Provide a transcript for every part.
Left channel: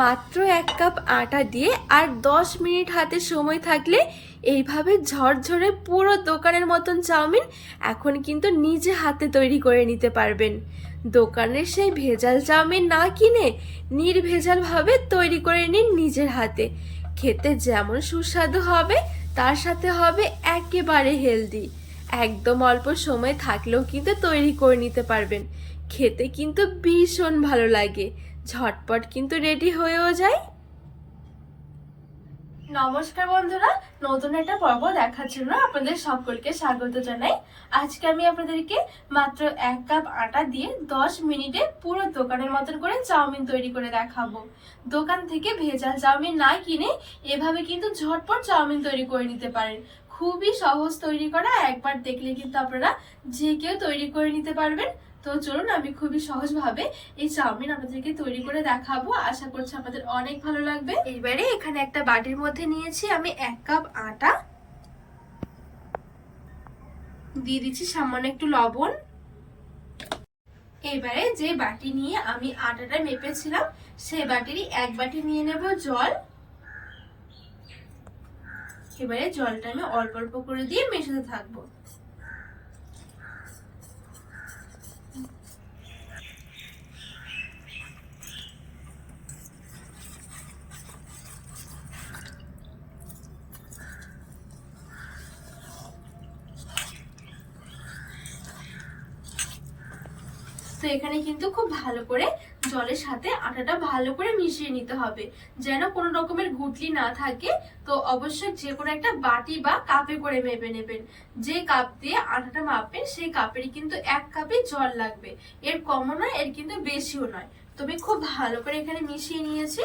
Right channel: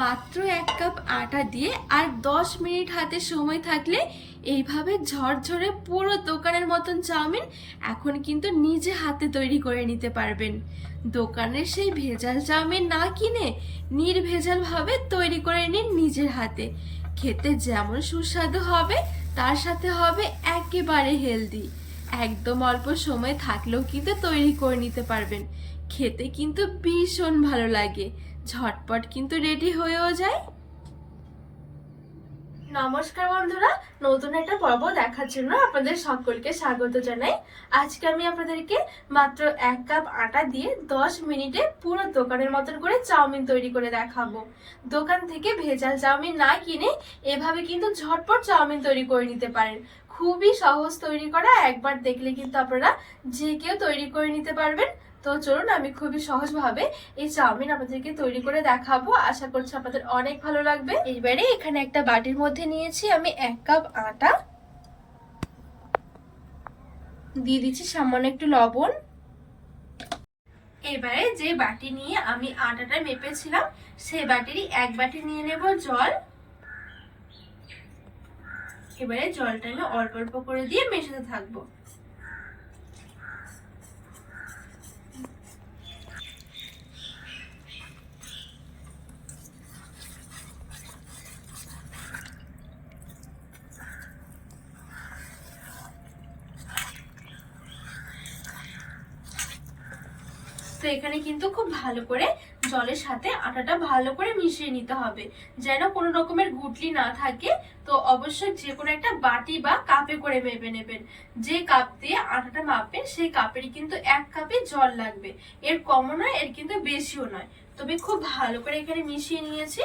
মাত্র এক কাপ আটা দিয়ে আর দশ মিনিট হাতে সময় থাকলে এইভাবে ঝরঝরে পুরো দোকানের মতন চাউমিন এখন কিন্তু নিজে হাতে তৈরি করে নিতে পারবেন। দোকানের সেই ভেজাল চাউমিন না কিনে নির্ভেজালভাবে তৈরি করে নিন নিজের হাতে। খেতে যেমন সুস্বাদু হবে, তার সাথে হবে একেবারে হেলদি। একদম অল্প সময় থাকলেও কিন্তু তৈরি করে নিতে পারবেন। খেতে কিন্তু ভীষণ ভালো লাগে। ঝটপট কিন্তু রেডি হয়েও যায় নমস্কার বন্ধুরা, নতুন একটা পর্ব দেখার জন্য আপনাদের সকলকে স্বাগত জানাই। আজকে আমি আপনাদেরকে মাত্র এক কাপ আটা দিয়ে দশ মিনিটে পুরো দোকানের মতন করে চাউমিন তৈরি করে দেখাবো। দোকান থেকে ভেজাল চাউমিন না কিনে এভাবে কিন্তু ঝটপট চাউমিন তৈরি করে নিতে পারেন। খুবই সহজ তৈরি করা, একবার দেখলে কিন্তু আপনারা যে কেউ তৈরি করে নিতে পারবেন। তো চলুন আমি খুবই সহজভাবে এই চাউমিন আপনাদেরকে তৈরি করে দেখাবো। আশা করছি আপনাদের অনেক ভালো লাগবে। এইবারে এখানে একটা বাটির মধ্যে নিয়েছি আমি এক কাপ আটা। দিয়ে দিচ্ছি সামান্য একটু লবণ। এবারে যে বাটি নিয়ে আমি আটাটা মেপেছিলাম সেই বাটিরই এক বাটি নিয়ে নেব জল। এবারে জলটা আমি অল্প অল্প করে দিয়ে মেশাতে থাকব। তো এখানে কিন্তু খুব ভালো করে জলের সাথে আটাটা ভালো করে মিশিয়ে নিতে হবে। যেন কোনো রকমের গুটলি না থাকে, তো অবশ্যই যে কোনো একটা বাটি বা কাপে করে মেপে নেবেন। যে কাপ দিয়ে আটাটা মাপবেন, সেই কাপেরই কিন্তু এক কাপে জল লাগবে। এর কমও নয়, এর কিন্তু বেশিও নয়। তো আমি খুব ভালো করে এখানে মিশিয়ে নিয়েছি।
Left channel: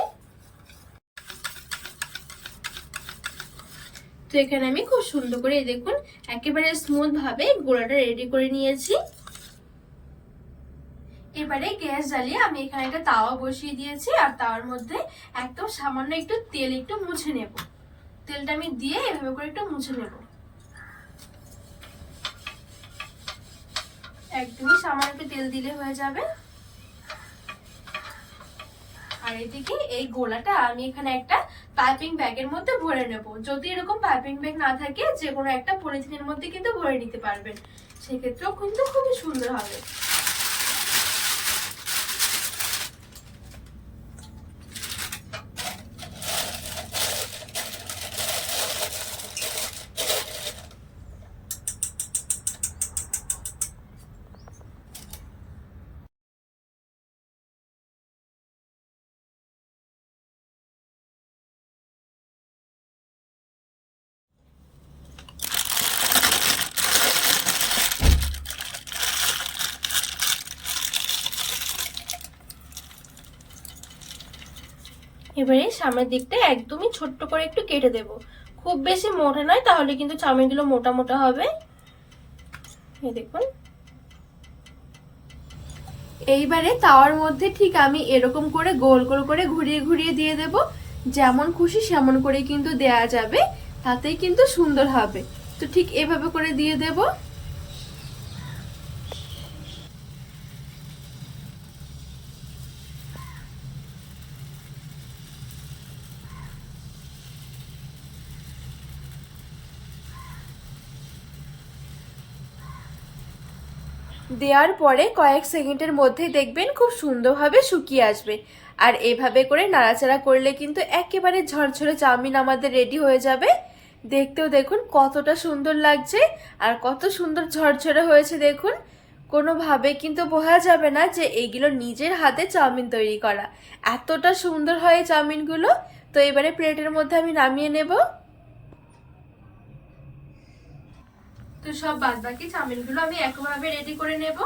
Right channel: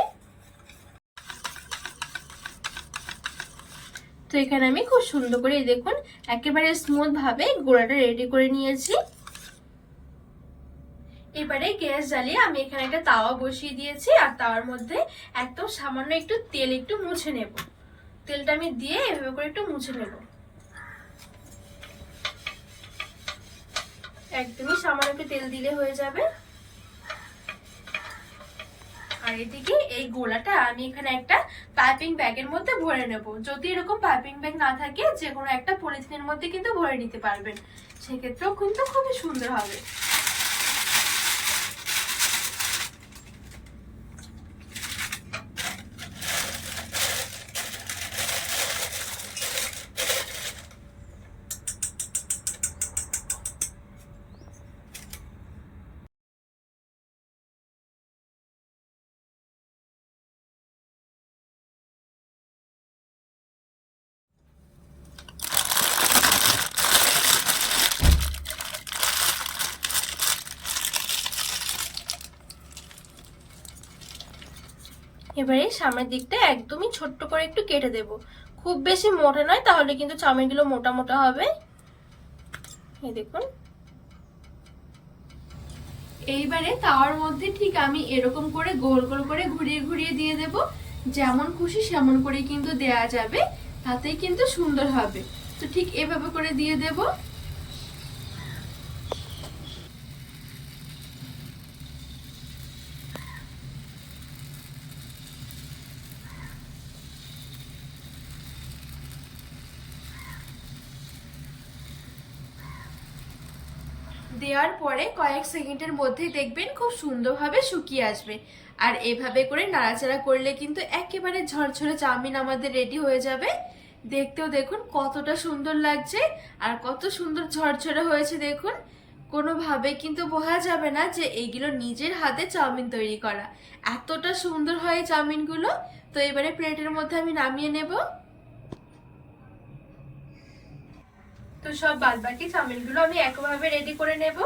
তো এখানে আমি খুব সুন্দর করে দেখুন, একেবারে স্মুথ ভাবে গোড়াটা রেডি করে নিয়েছি। এবারে গ্যাস জ্বালিয়ে আমি এখানে একটা তাওয়া বসিয়ে দিয়েছি, আর তাওয়ার মধ্যে একদম সামান্য একটু তেল একটু মুছে নেব। তেলটা আমি দিয়ে এভাবে করে একটু মুছে নেব। একদমই সামান্য একটু তেল দিলে হয়ে যাবে। আর এদিকে এই গোলাটা আমি এখানে একটা পাইপিং ব্যাগের মধ্যে ভরে নেব। যদি এরকম পাইপিং ব্যাগ না থাকে, যে কোনো একটা পলিথিনের মধ্যে কিন্তু ভরে নিতে পারবেন। সেক্ষেত্রেও কিন্তু খুবই সুন্দর হবে। এবারে সামনের দিকটা একদমই ছোট্ট করে একটু কেটে দেব। খুব বেশি মোটা নয়, তাহলে কিন্তু চাউমিনগুলো মোটা মোটা হবে। এই দেখুন। এইবারে তাওয়ার মধ্যে ঠিক আমি এরকম করে গোল গোল করে ঘুরিয়ে ঘুরিয়ে দিয়ে দেব। যেমন খুশি সেমন করে কিন্তু দেয়া যাবে, তাতেই কিন্তু সুন্দর হবে। তো ঠিক এভাবে করে দিয়ে দেবো। দেওয়ার পরে কয়েক সেকেন্ডের মধ্যেই দেখবেন খুব সুন্দরভাবে শুকিয়ে আসবে। আর এভাবে করে নাড়াচাড়া করলে কিন্তু একেবারে ঝরঝরে চাউমিন আমাদের রেডি হয়ে যাবে। দেখতেও দেখুন কতটা সুন্দর লাগছে আর কত সুন্দর ঝরঝরে হয়েছে দেখুন। কোনোভাবে কিন্তু বোঝা যাবে না যে এইগুলো নিজের হাতে চাউমিন তৈরি করা। এতটা সুন্দর হয় চাউমিনগুলো। তো এবারে প্লেটের মধ্যে আমি নামিয়ে নেব। সব বাদ বাকি চাউমিনগুলো আমি একভাবে রেডি করে নেব।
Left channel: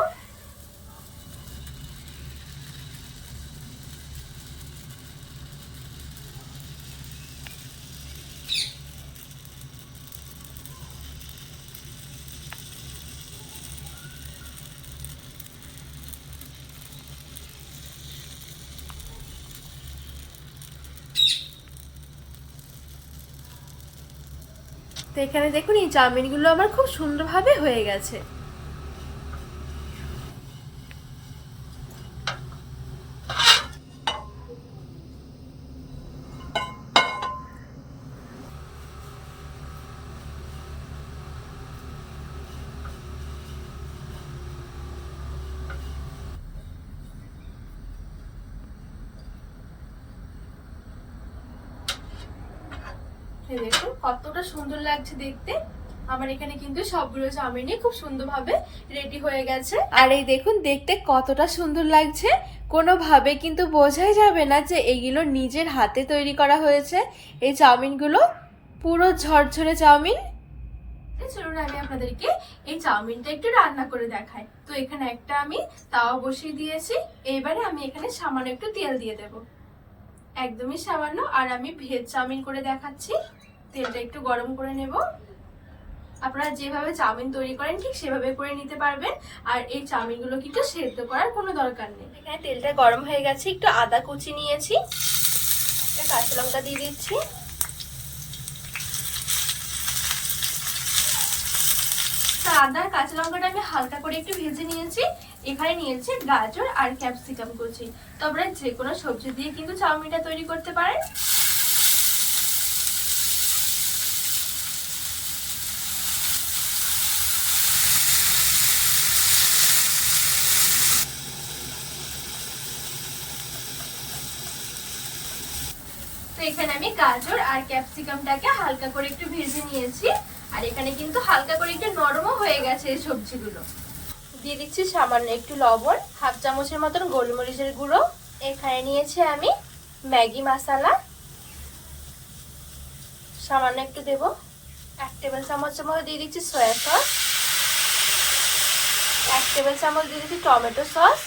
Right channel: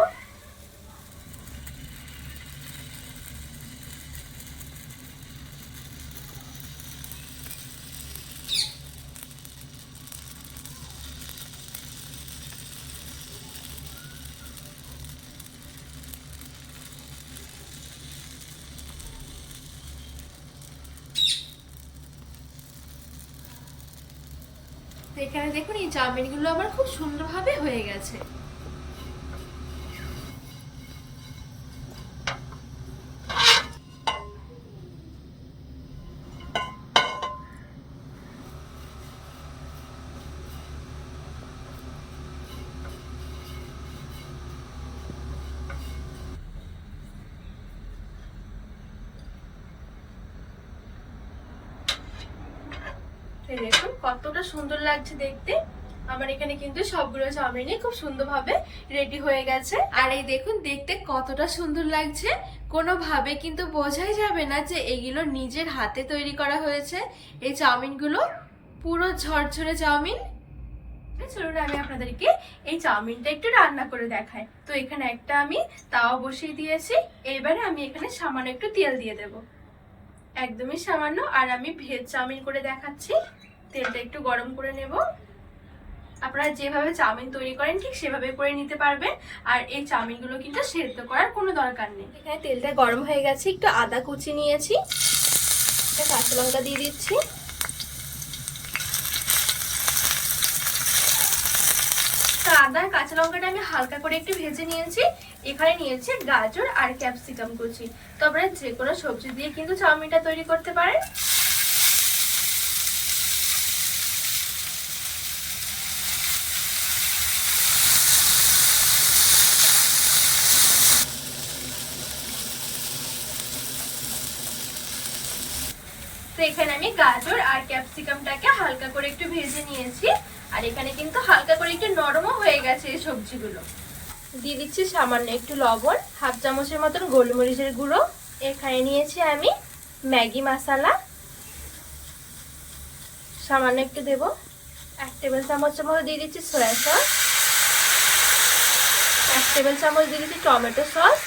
তো এখানে দেখুন এই চাউমিনগুলো আমার খুব সুন্দরভাবে হয়ে গেছে। দেখুন কতটা সুন্দর লাগছে দেখতে। আমার এখানে কিন্তু সবগুলো চাউমিনই খুব সুন্দরভাবে রেডি হয়ে গেছে। আর এই দেখুন, দেখতে কতটা সুন্দর লাগছে। কোনোভাবে কিন্তু বোঝাই যাবে না যে এগুলো নিজের হাতে তৈরি করা হয়েছে। এই চাউমিনগুলো পুরো ঝরঝরে চাউমিন। চলুন আমি আপনাদেরকে এই চাউমিনটা একটু রান্না করে দেখাই। তো এখানে একটা আমি তাওয়া বসিয়ে দিয়েছি। এবারে আমি এখানে সামান্য একটু তেল দিয়ে দেব। একদমই সামান্য, আর আমি ভেজ চাউমিন করে দেখাচ্ছি। তেলটা একটু গরম করে নেব। আপনারা যেভাবে চাউমিন তৈরি করেন ঠিক সেভাবে করে নিতে পারবেন। আর এই চাউমিনগুলো কিন্তু সেদ্ধ করার কোনো দরকার নেই। এখানে তেলটা গরম হয়ে গেছে একটু আদা কুচি নিয়েছি। কাঁচা লঙ্কা দিয়ে দিচ্ছি। আদা আর কাঁচা লঙ্কাটা আমি হালকা করে একটু ভেজে নিয়েছি। এখানে নিয়েছি গাজর আর ক্যাপসিকাম কুচি। তো আপনারা যে কোনো সবজি দিয়ে কিন্তু চাউমিনটা তৈরি করতে পারেন। এখানে আমি গাজর আর ক্যাপসিকামটাকে হালকা করে একটু ভেজে নিয়েছি। আর এখানে কিন্তু হালকা করে একটু নরমও হয়ে গেছে এই সবজিগুলো। দিয়ে দিচ্ছি সামান্য একটু লবণ, হাফ চামচের মতন গোলমরিচের গুঁড়ো। এখানে নিয়েছি আমি ম্যাগি মশলা। সামান্য একটু দেব। এক টেবিল চামচের মতো দিয়ে দিচ্ছি সয়া সস। এক টেবিল চামচ দিয়ে দিচ্ছি টমেটো সস।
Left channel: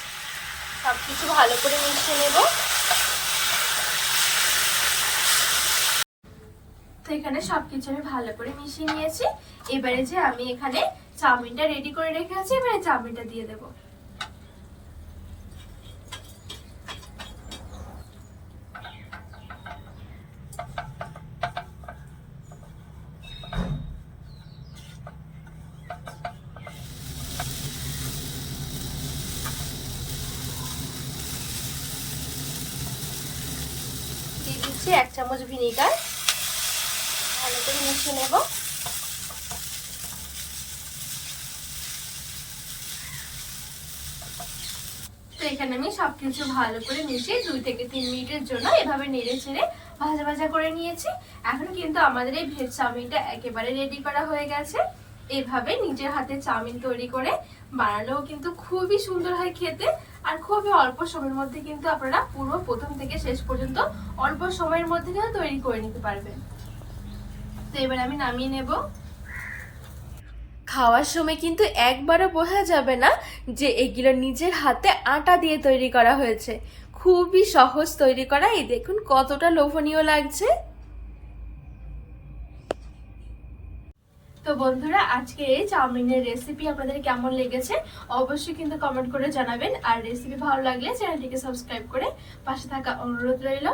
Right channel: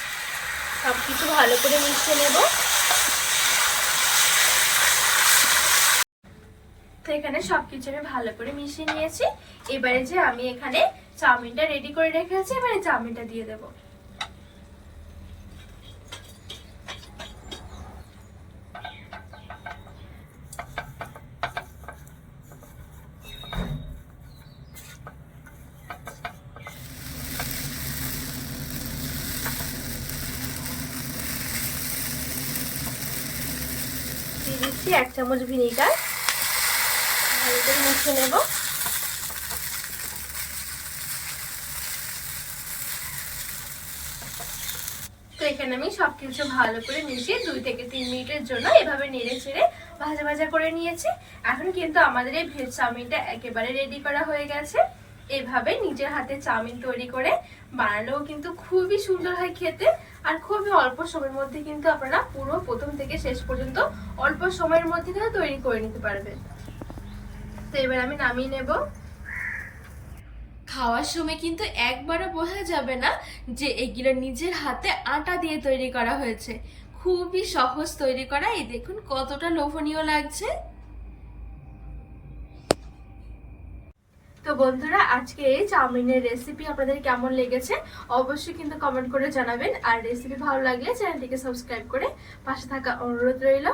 সব কিছু ভালো করে মিশিয়ে নেব। তো এখানে সবকিছু আমি ভালো করে মিশিয়ে নিয়েছি। এবারে যে আমি এখানে চাউমিনটা রেডি করে রেখেছি এবারে চাউমিনটা দিয়ে দেব। দিচ্ছি এক চামচ ভিনেগার। ভালো করে মিশিয়ে নেব। তো এখানে আমি সবকিছু ভালো করে মিশিয়ে দুই থেকে তিন মিনিটের জন্য এভাবে নেড়ে চেড়ে ভাজা ভাজা করে নিয়েছি। এখন কিন্তু আমাদের এই ভেজ চাউমিনটা একেবারে রেডি করা হয়ে গেছে। এভাবে নিজের হাতে চাউমিন তৈরি করে বানালেও কিন্তু খুবই সুন্দর হয় খেতে। আর খুবই অল্প সময়ের মধ্যে কিন্তু আপনারা পুরো প্রথম থেকে শেষ পর্যন্ত অল্প সময়ের মধ্যে তৈরি করে নিতে পারবেন। তো এবার আমি নামিয়ে নেব। খাওয়ার সময় কিন্তু একবারও বোঝা যাবে না যে এগুলো নিজের হাতে আটা দিয়ে তৈরি করা হয়েছে। খুবই সহজ তৈরি করা। এই দেখুন কতটা লোভনীয় লাগছে। তো বন্ধুরা, আজকে এই চাউমিনের রেসিপি আপনাদের কেমন লেগেছে অবশ্যই কিন্তু কমেন্ট করে জানাবেন। আর রেসিপি ভালো লাগলে চ্যানেলটিকে সাবস্ক্রাইব করে পাশে থাকা অনুরোধ রইল।